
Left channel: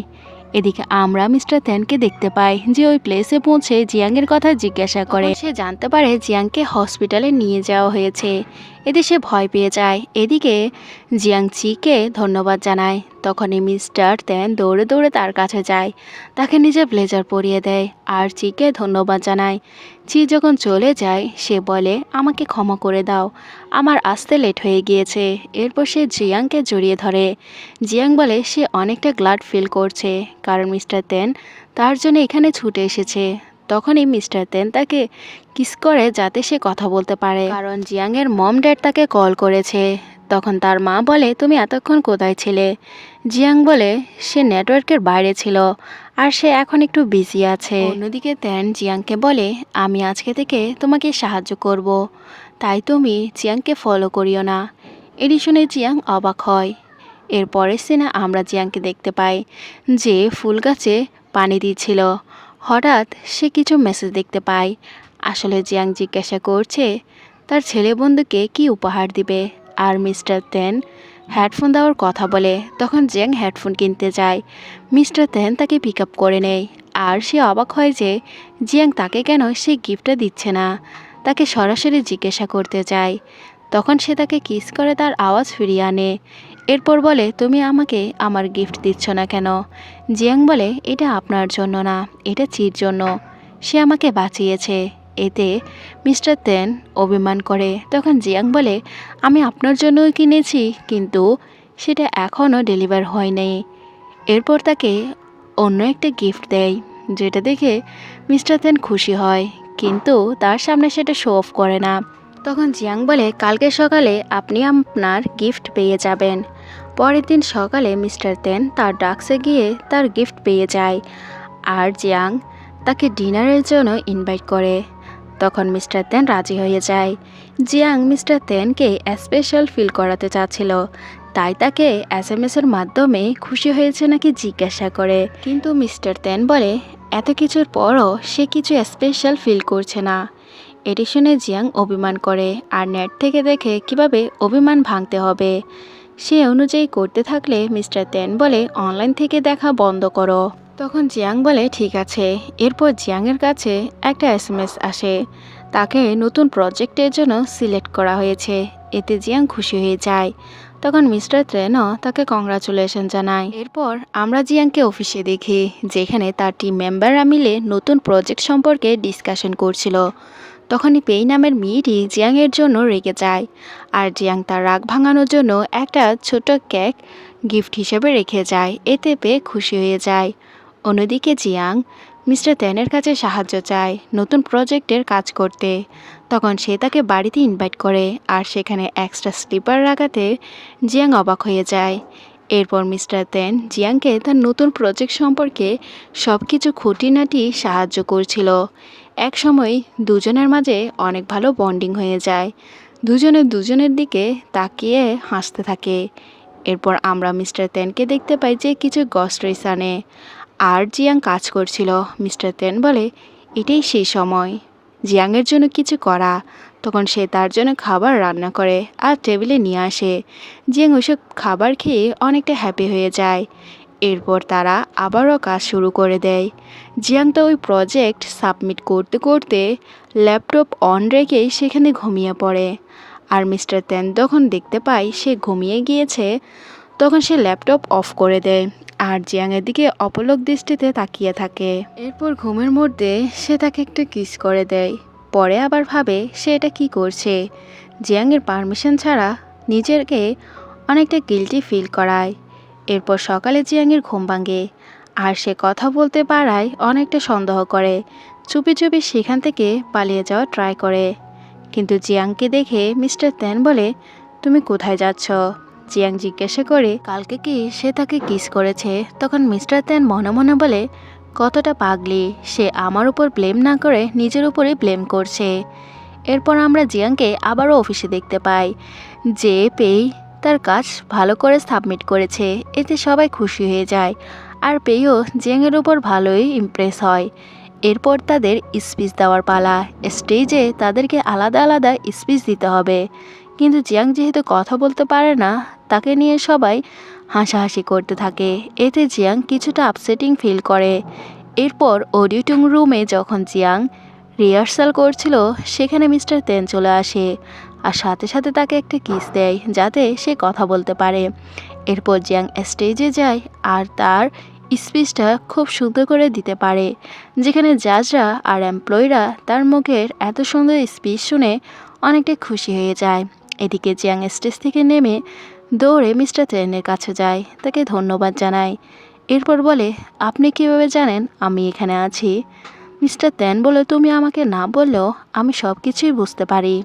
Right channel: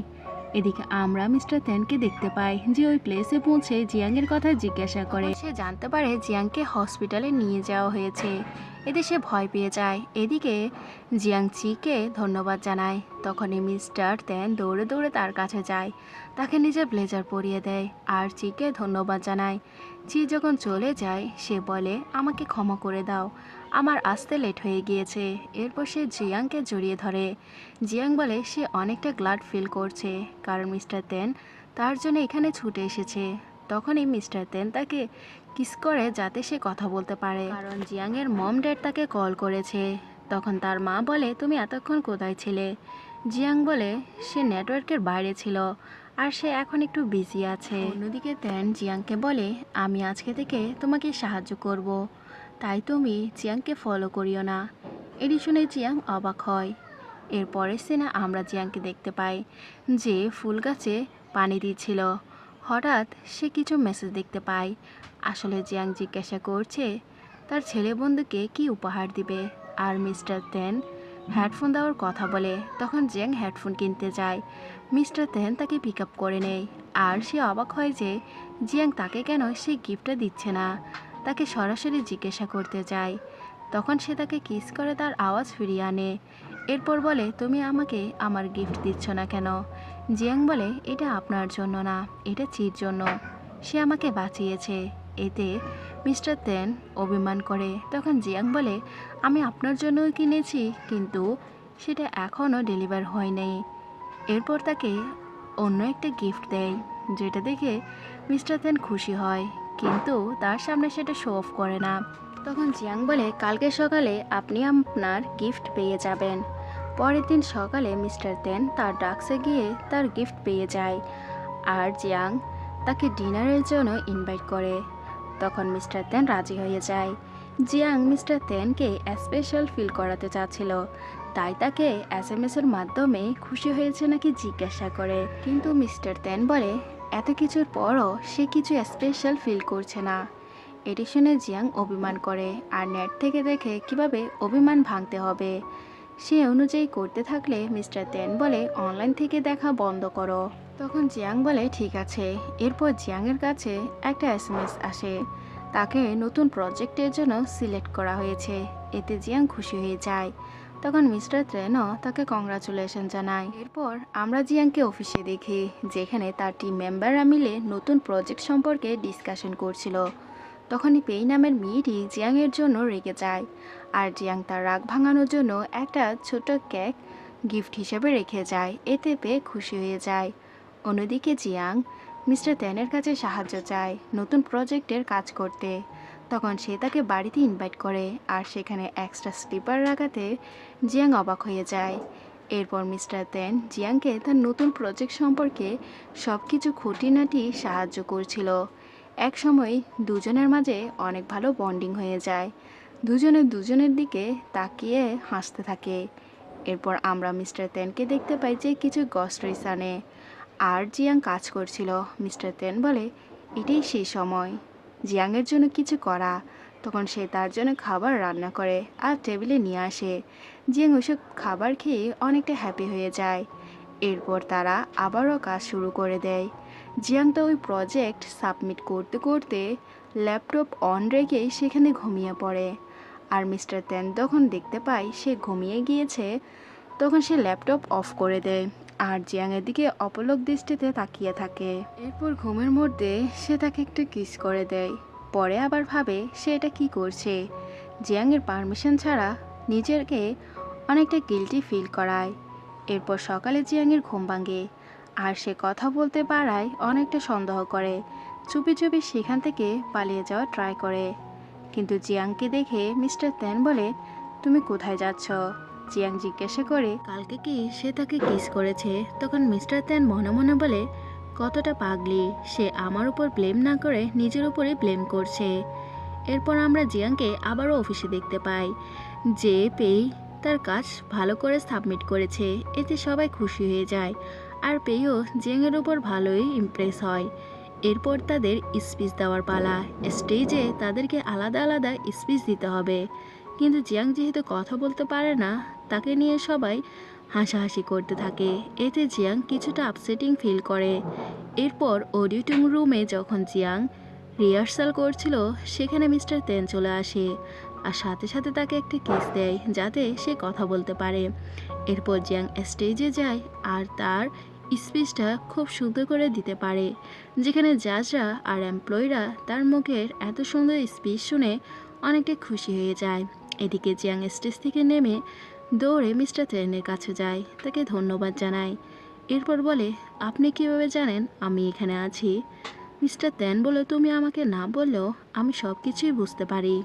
Speaker 1: এদিকে আমরা মিস্টার তেনকে দেখতে পাই, যে ওই প্লেসে পৌঁছে জিয়াংয়ের কথা জিজ্ঞাসা করে। সে জানতে পারে জিয়াংকে হসপিটালে নিয়ে যাওয়া হয়েছে। এতে সে ভয় পেয়ে যায়। এদিকে জিয়াং চিকে ধন্যবাদ জানায়। তখনই মিস্টার তেন দৌড়ে দৌড়ে তার কাছে যায়। তাকে নিজের ব্লেজার পরিয়ে দেয়। আর চিকে ধন্যবাদ জানায়। চি যখন চলে যায়, সে বলে, আমাকে ক্ষমা করে দাও। আমার আসতে লেট হয়ে গিয়েছে। এরপর সে জিয়াংকে জড়িয়ে ধরে। জিয়াং বলে, সে অনেকটা গ্লাড ফিল করছে, কারণ মিস্টার তেন তার জন্য এখানে ছুটে এসেছে। তখনই মিস্টার তেন তাকে কিস করে যাতে সে কথা বলতে পারে। কারণ জিয়াংয়ের মম ড্যাড তাকে কল করেছে। তখন তার মা বলে, তুমি এতক্ষণ কোথায় ছিলে? জিয়াং বলে, সে নেটওয়ার্কের বাইরে ছিল। আর সে এখন একটু বিজি আছে। অন্যদিকে তেন জিয়াংকে বলে, আমি আজকে থেকে তোমাকে সাহায্য করব। তাই তুমি জিয়াংকে ফলো করিও না। এটি শুনে জিয়াং অবাক হয়। এরপরের সিনে আমরা জিয়াংকে দেখতে পাই, যে ফুল গাছে পানি দিচ্ছিল। হঠাৎ সে কিছু মেসেজ দেখতে পায়। আসলে জিয়াং জিজ্ঞাসা করছে, তার ছেলে বন্ধুকে কি উপহার দিবে? আর মিস্টার তেন হেডফোন দেওয়ার কথা বলে, তখন জিয়াং হেডফোন কিনতে যায়। মিস্টার তেন তাকে পিক আপ করে নেয়, আর সে অবাক হয় যে জিয়াং তাকে কেন সে গিফটটা দিচ্ছে না। তাকে সরাসরি জিজ্ঞাসা করতে চায় তখন সে তাকে কিস করে, তার আওয়াজ ফিরিয়ে আনে। এরপর বলে, তুমি আমাকে আমার গিফট দিচ্ছ না কেন? জিয়াং বলে, এটা আপনার জন্য না, এটা চির জন্য। সে আমাকে বাঁচিয়েছে। এতে মিস্টার তেন অভিমান করে। তখন জিয়াং বলে, আমি আপনার জন্যই কিনেছি, কিন্তু সেটা এখনও ডেলিভার হয়নি। এরপর তাকে অন্য একটা গিফট দেয়, যেটা দেখে মিস্টার তেন খুশি হয়, কিন্তু তার সামনে সেটা শো অফ করে না। তখন জিয়াং বলে, কালকে সকালে আপনি আপনার গিফট পেয়ে যাবেন। পরের দিন সকালে মিস্টার তেন তার ডাক্সে গিয়ে তার গিফট পেয়ে যায়, আর জিয়াং তাকে ডিনারের জন্য ইনভাইট করে। তখন মিস্টার তেন রাজি হয়ে যায়। জিয়াং মিস্টার তেনকে স্পেশাল ফিল করাতে চাচ্ছিল। তাই তাকে এস এম এর মাধ্যমে খুশি হয়েছে নাকি জিজ্ঞাসা করে। কিন্তু মিস্টার তেন বলে, এত কিছুর পরও সে কিছু স্পেশাল ফিল করছে না। এটি শুনে জিয়াং অভিমান করে আর নেট থেকে দেখে কীভাবে অভিমান ভাঙতে হবে। সে অনুযায়ী করতে থাকলে মিস্টার তেন বলে, অনলাইন থেকে দেখা বন্ধ করো। তখন জিয়াং বলে, ঠিক আছে। এরপর জিয়াংয়ের কাছে একটা এস এম এস আসে। তাকে নতুন প্রজেক্টের জন্য সিলেক্ট করা হয়েছে। এতে জিয়াং খুশি হয়ে যায়। তখন মিস্টার ট্রেনও তাকে কংগ্রাচুলেশন জানায়। এরপর আমরা জিয়াংকে অফিসে দেখি, যেখানে তার টিম মেম্বাররা মিলে নতুন প্রজেক্ট সম্পর্কে ডিসকাশন করছিল। তখনই পেই নামের মেয়েটি জিয়াংয়ের জন্য রেগে যায়। আর জিয়াং তার রাগ ভাঙানোর জন্য একটা ছোট কেক গিফট হিসেবে রেখে যায়। এতে পেয়ে খুশি হয়ে যায়। অন্যদিকে জিয়াং, মিস্টার তেনের কাছে সাহায্য চায় নতুন প্রজেক্টের কাজ করতে। তখন সে তাকে বাড়িতে ইনভাইট করে আর সেখানে এক্সট্রা স্লিপার রাখাতে জিয়াং অবাক হয়ে যায়। এরপর মিস্টার তেন জিয়াংকে তার নতুন প্রজেক্ট সম্পর্কে সব কিছু খুঁটিনাটি সাহায্য করছিল। এক সময় দুজনের মাঝে অনেক ভালো বন্ডিং হয়ে যায়। দুজনে দুজনের দিকে তাকিয়ে হাসতে থাকে। এরপর আমরা মিস্টার তেনকে দেখতে পাই যে কিছু গস্ট্রিস আনে। আর জিয়াং কাজ করছিল, মিস্টার তেন বলে, এটাই সেই সময়। জিয়াংয়ের জন্য কিছু করা, তখন সে তার জন্য খাবার রান্না করে আর টেবিলে নিয়ে আসে। জিয়াং ওইসব খাবার খেয়ে অনেকটা হ্যাপি হয়ে যায়। এরপর তারা আবারও কাজ শুরু করে দেয়। জিয়াং তো ওই প্রজেক্ট সাবমিট করতে করতে ল্যাপটপ অন রেখেই সেখানে ঘুমিয়ে পড়ে। আর মিস্টার তেন তখন দেখতে পায় সে ঘুমিয়ে গিয়েছে। তখন সে ল্যাপটপ অফ করে দেয় আর জিয়াংয়ের দিকে অপলক দৃষ্টিতে তাকিয়ে থাকে। এরপর ঘুমের মধ্যে সে তাকে একটু কিস করে দেয়। পরে আবার ভাবে সে এটা কি করছে। জিয়াংয়ের পারমিশন ছাড়া নিজেকে অনেকটা গিলটি ফিল করায়। এরপর সকালে জিয়াংয়ের ঘুম ভাঙে আর সে কথা বলতে পারায় অনেকটা সন্দেহ করে। চুপি চুপি সেখান থেকে পালিয়ে যাওয়া ট্রাই করে। কিন্তু জিয়াংকে দেখে মিস্টার তেন বলে, তুমি কোথায় যাচ্ছ? জিয়াং জিজ্ঞাসা করে, কালকে কি সে তাকে কিস করেছে? তখন মিস্টার তেন মনে মনে বলে, কতটা পাগলি, সে আমার উপর ব্লেম না করে নিজের উপরে ব্লেম করছে। এরপর আমরা জিয়াংকে আবারও অফিসে দেখতে পাই। যে পেই তার কাজ ভালো করে সাবমিট করেছে, এতে সবাই খুশি হয়ে যায়। আর পেয়েও জিয়াংয়ের উপর ভালোই ইমপ্রেস হয়। এরপর তাদের স্পিচ দেওয়ার পালা। স্টেজে তাদেরকে আলাদা আলাদা স্পিচ দিতে হবে। কিন্তু জিয়াং যেহেতু কথা বলতে পারে না, তাকে নিয়ে সবাই হাসাহাসি করতে থাকে। এতে জিয়াং কিছুটা আপসেটিং ফিল করে। এরপর অডিটিং রুমে যখন জিয়াং রিহার্সাল করছিল, সেখানে মিস্টার তেন চলে আসে আর সাথে সাথে তাকে একটা কিস দেয়, যাতে সে কথা বলতে পারে। এরপর জিয়াং স্টেজে যায় আর তার স্পিচটা খুব সুন্দর করে দিতে পারে, যেখানে জাজরা আর এমপ্লয়িরা তার মুখের এত সুন্দর স্পিচ শুনে অনেকটা খুশি হয়ে যায়। এদিকে জিয়াং স্টেজ থেকে নেমে দৌড়ে মিস্টার তেনের কাছে যায়, তাকে ধন্যবাদ জানায়। এরপর বলে, আপনি কীভাবে জানেন আমি এখানে আছি? মিস্টার তেন বলে, তুমি আমাকে না বললেও আমি সব কিছুই বুঝতে পারি।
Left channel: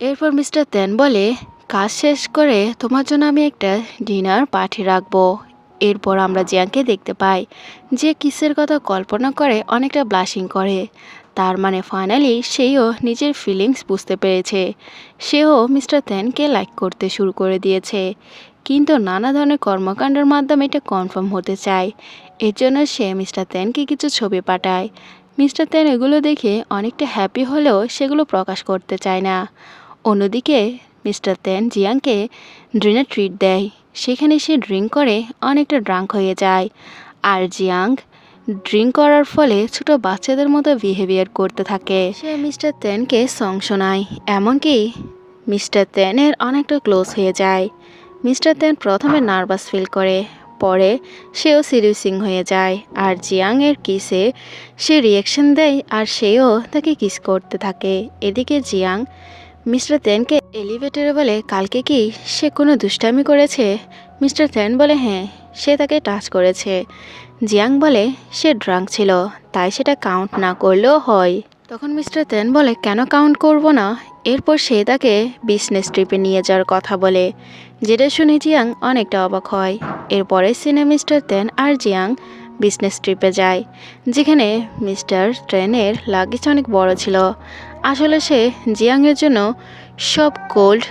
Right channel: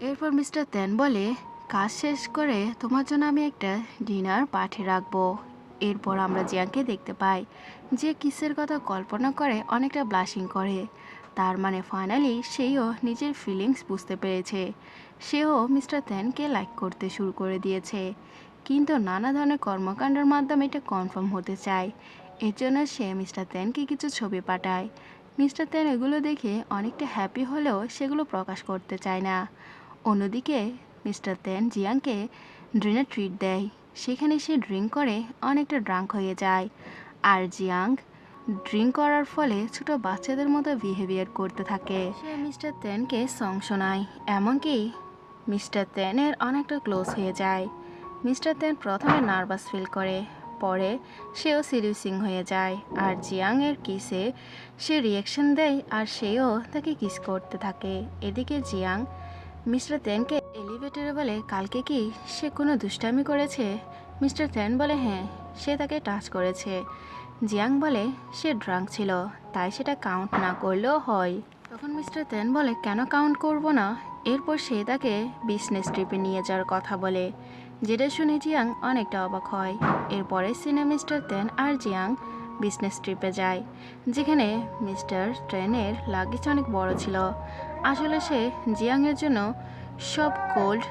Speaker 1: এরপর মিস্টার তেন বলে, কাজ শেষ করে তোমার জন্য আমি একটা ডিনার পাঠিয়ে রাখব। এরপর আমরা জিয়াংকে দেখতে পাই, যে কিসের কথা কল্পনা করে অনেকটা ব্লাশিং করে। তার মানে ফাইনালি সেও নিজের ফিলিংস বুঝতে পেরেছে। সেও মিস্টার তেনকে লাইক করতে শুরু করে দিয়েছে। কিন্তু নানা ধরনের কর্মকাণ্ডের মাধ্যমে এটা কনফার্ম হতে চায়। এর জন্য সে মিস্টার তেনকে কিছু ছবি পাঠায়। মিস্টার তেন এগুলো দেখে অনেকটা হ্যাপি হলেও সেগুলো প্রকাশ করতে চায় না। অন্যদিকে মিস্টার তেন জিয়াংকে ডিনার ট্রিট দেয়। সেখানে সে ড্রিঙ্ক করে অনেকটা ড্রাঙ্ক হয়ে যায়। আর জিয়াং ড্রিঙ্ক করার ফলে ছোট বাচ্চাদের মতো বিহেভিয়ার করতে থাকে। সে মিস্টার তেনকে সং শোনায়, এমনকি মিস্টার তেনের অনেকটা ক্লোজ হয়ে যায়। মিস্টার তেন প্রথমে নার্ভাস ফিল করে, পরে সেও সিরিয়াসিং হয়ে যায়, আর জিয়াংয়ের কিসে সে রিয়াকশন দেয়, আর সেও তাকে কিস করতে থাকে। এদিকে জিয়াং মিস্টার তেনকে এলিভেটরে বলে, কালকে কি সে কোনো দুষ্টামি করেছে? মিস্টার তেন বলে হ্যাঁ সে তাকে টাচ করেছে। জিয়াং বলে, সে ড্রাঙ্ক ছিল, তাই সেটা কাউন্ট না করলেও হয়। তখন মিস্টার তেন বলে, কেন কাউন্ট করব না? এরপর সে তাকে বিজনেস ট্রিপে নিয়ে যাওয়ার কথা বলে, যেটা শুনে জিয়াং অনেকটা অবাক হয়। এরপরে সিনে মিস্টার তেন আর জিয়াং বিজনেস ট্রিপে যায়, যেখানে মিস্টার ট্রেনের লাগেজ অনেক বড় ছিল। আসলে সে জিয়াংয়ের জন্য সব কোল্ড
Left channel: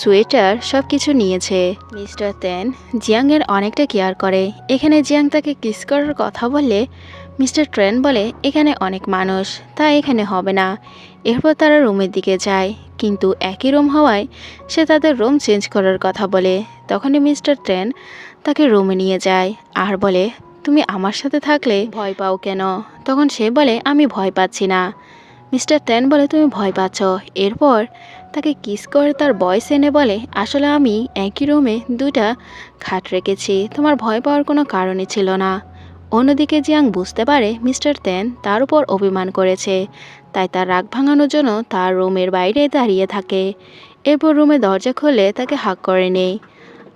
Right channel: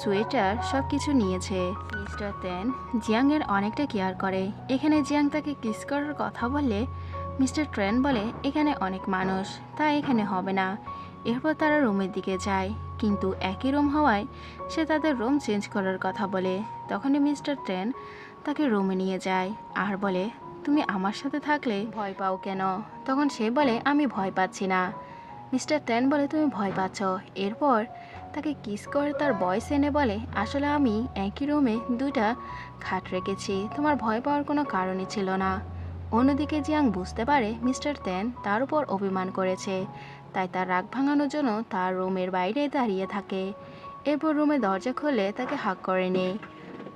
Speaker 1: সোয়েটার সব কিছু নিয়েছে। মিস্টার তেন জিয়াংয়ের অনেকটা কেয়ার করে। এখানে জিয়াং তাকে কিস করার কথা বললে মিস্টার ট্রেন বলে, এখানে অনেক মানুষ তাই এখানে হবে না। এরপর তারা রুমের দিকে যায়। কিন্তু একই রুম হওয়ায় সে তাদের রুম চেঞ্জ করার কথা বলে। তখনই মিস্টার ট্রেন তাকে রুমে নিয়ে যায় আর বলে তুমি আমার সাথে থাকলে ভয় পাও কেন? তখন সে বলে, আমি ভয় পাচ্ছি না। মিস্টার টেন বলে, তুমি ভয় পাচ্ছ। এরপর তাকে কিস করে তার বয়স এনে বলে, আসলে আমি একই রুমে দুটা খাট রেখেছি। তোমার ভয় পাওয়ার কোনো কারণই ছিল না। অন্যদিকে জিয়াং বুঝতে পারে মিস্টার তেন তার উপর অভিমান করেছে, তাই তার রাগ ভাঙানোর জন্য তার রুমের বাইরে দাঁড়িয়ে থাকে। এরপর রুমে দরজা খুলে তাকে হাক করে নেই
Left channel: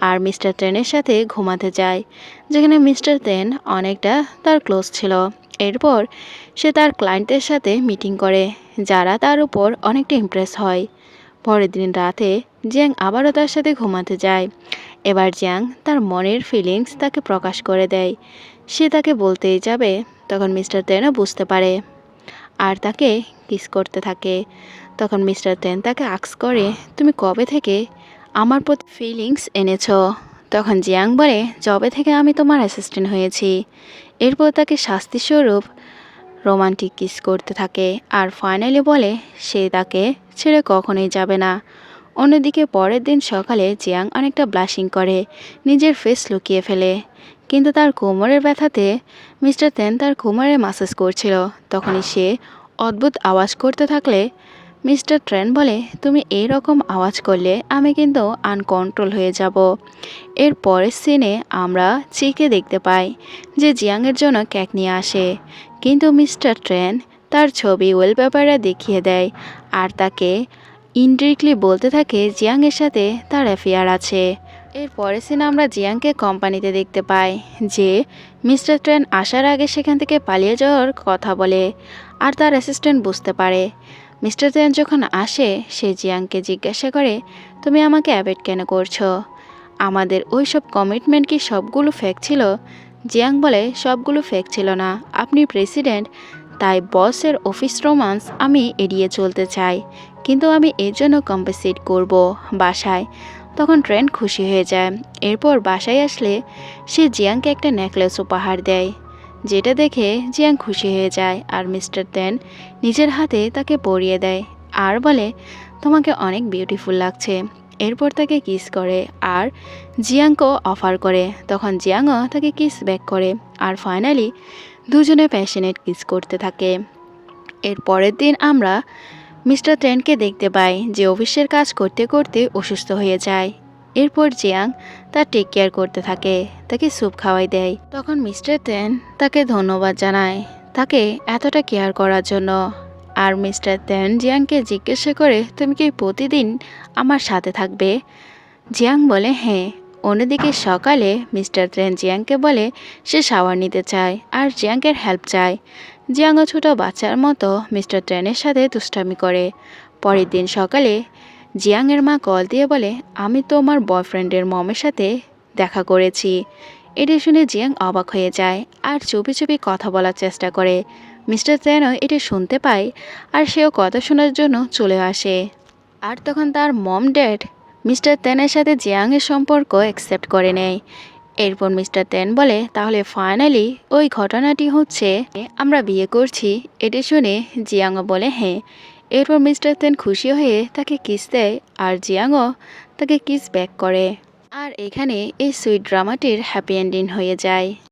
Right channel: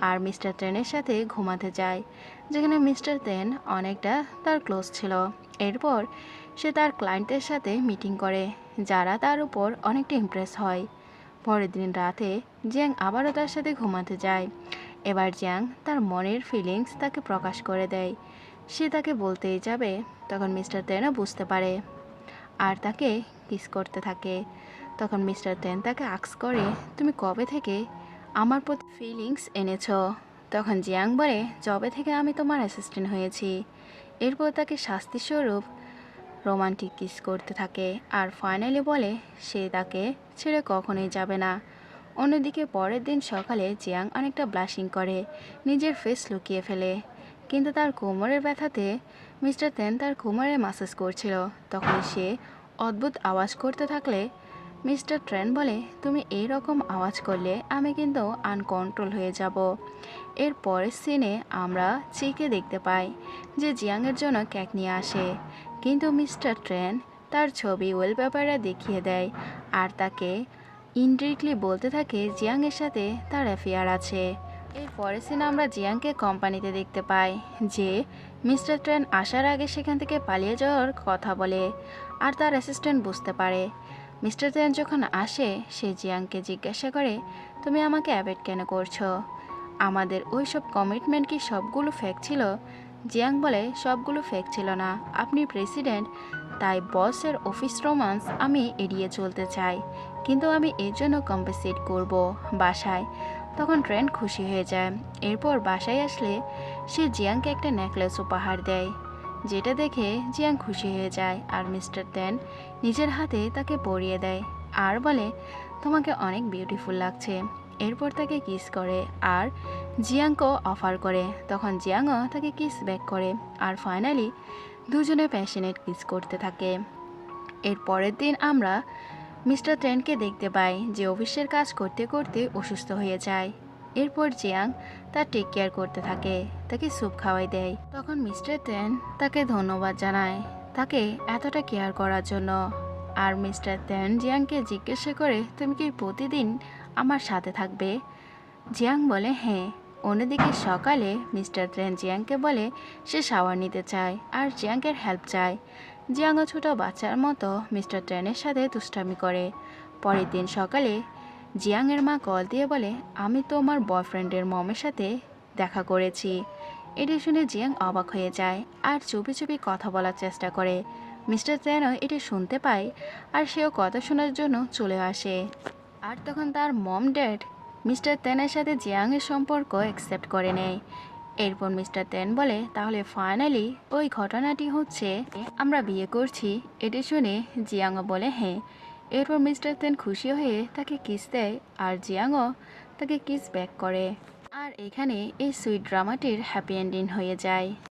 Speaker 1: আর মিস্টার টেনের সাথে ঘুমাতে যায়, যেখানে মিস্টার তেন অনেকটা তার ক্লোজ ছিল। এরপর সে তার ক্লায়েন্টদের সাথে মিটিং করে, যারা তার উপর অনেকটা ইমপ্রেস হয়। পরের দিন রাতে, জিয়াং আবারও তার সাথে ঘুমাতে যায়। এবার জিয়াং তার মনের ফিলিংস তাকে প্রকাশ করে দেয়। সে তাকে বলতেই যাবে, তখন মিস্টার তেনও বুঝতে পারে। আর তাকে কিস করতে থাকে। তখন মিস্টার তেন তাকে আক্স করে, তুমি কবে থেকে আমার প্রতি ফিলিংস এনেছ। তখন জিয়াং বলে জবে থেকে আমি তোমার অ্যাসিস্ট্যান্ট হয়েছি। এরপর তাকে শাস্তিস্বরূপ রোমান্টিক কিস করতে থাকে। আর ফাইনালি বলে, সে তাকে ছেড়ে কখনোই যাবে না। অন্যদিকে পরের দিন সকালে জিয়াং অনেকটা ব্লাশিং করে, নিজের ফেস লুকিয়ে ফেলে। কিন্তু তার কোমরের ব্যথাতে মিস্টার তেন তার কোমরে মাসাজ করছিল। তখনই সে অদ্ভুত আওয়াজ করতে থাকলে মিস্টার ট্রেন বলে, তুমি এই রকম আওয়াজ করলে আমি কিন্তু আনকন্ট্রোল হয়ে যাব। এর পরের সিনে আমরা চিকে দেখতে পাই যে জিয়াংয়ের জন্য কেক নিয়ে আসে। কিন্তু মিস্টার ট্রেন তার ছবি ওয়েলপেপারে দেখিয়ে দেয় আর তাকে ইনডিরেক্টলি বলতে থাকে জিয়াংয়ের সাথে তার অ্যাফেয়ার আছে। এর পরের সিনে আমরা জিয়াংকে কোম্পানিতে দেখতে পাই যে মিস্টার ট্রেন আসার আগে সেখান থেকে পালিয়ে যাওয়ার কথা বলে আর তার অ্যাসিস্ট্যান্ট বুঝতে পারে। মিস্টার তেন যখন আসে, সে জিয়াংকে জিজ্ঞাসা করে, তুমি আমাকে অ্যাভয়েড কেন করছ? আমাদের ওই সব কমিটমেন্ট কি সবগুলো ফেক ছিল? জিয়াং বলে, সবগুলো ফেক ছিল না। আপনি প্রেসিডেন্ট তাই বসের অফিস রোমান্স আমি এড়িয়ে চলতে চাই। কিন্তু আমি এর জন্য কম্পেসেট করব বাসায়। তখন ট্রেন খুশি হয়ে যায়। এরপর বাসায় আসলে সে জিয়াংকে একটা নেকলেস উপহার দেয়। যেটা দেখে জিয়াং খুশি হয়ে যায় আর মিস্টার তেন নিজের হাতে তাকে পরিয়ে দেয় আর বলে, তোমাকে অনেক বিউটিফুল লাগছে। এরপর তাকে কিস করে আর জিয়াংকেও অফার করে। তখন জিয়াংও তাকে কিস ব্যাক করে আর ফাইনালি দুজনে প্যাশনেট কিস করতে থাকে। এর পরের দিন আমরা মিস্টার টেনকে দেখতে পাই যে অফিসের কাজ করতে করতে অসুস্থ হয়ে যায় এরপর জিয়াং তার টেক কেয়ার করতে থাকে, তাকে স্যুপ খাওয়াই দেয়। তখন মিস্টার টেন তাকে ধন্যবাদ জানায়, তাকে এতটা কেয়ার করার জন্য। আর মিস্টার তেন জিয়াংকে জিজ্ঞাসা করে, তুমি কি প্রতিদিন আমার সাথে থাকবে? জিয়াং বলে হ্যাঁ। অন্যদিকে সকালে মিস্টার তেন জিয়াংকে বলে, সে শাওয়ার নিতে চায় আর জিয়াংকের হেল্প চায়। জিয়াংও ছোট বাচ্চার মতো মিস্টার ট্রেনের সাথে দুষ্টামি করে। পরের দিন সকালে জিয়াংয়ের মা কল দিয়ে বলে, আমি তো আমার বয়ফ্রেন্ডের মমের সাথে দেখা করেছি। এটা শুনে জিয়াং অবাক হয়ে যায় আর চুপি চুপি কথা বলার চেষ্টা করে। মিস্টার তেনও এটা শুনতে পায় আর সেও কথা শোনার জন্য চলে আসে। আর তখন তার মম ড্যাড মিস্টার তেনের সাথে জিয়াংয়ের সম্পর্ক অ্যাকসেপ্ট করে নেয়। এরপর মিস্টার তেন বলে, তাহলে ফাইনালি ওই ঘটনাটি হচ্ছে, আমরা বিয়ে করছি। এটা শুনে জিয়াংও বলে হ্যাঁ। এরপর মিস্টার তেন খুশি হয়ে তাকে কিস দেয় আর জিয়াংও তাকে কিস ব্যাক করে। আর এখানে এই সুইট ড্রামাটির হ্যাপি এন্ডিং হয়ে যায়।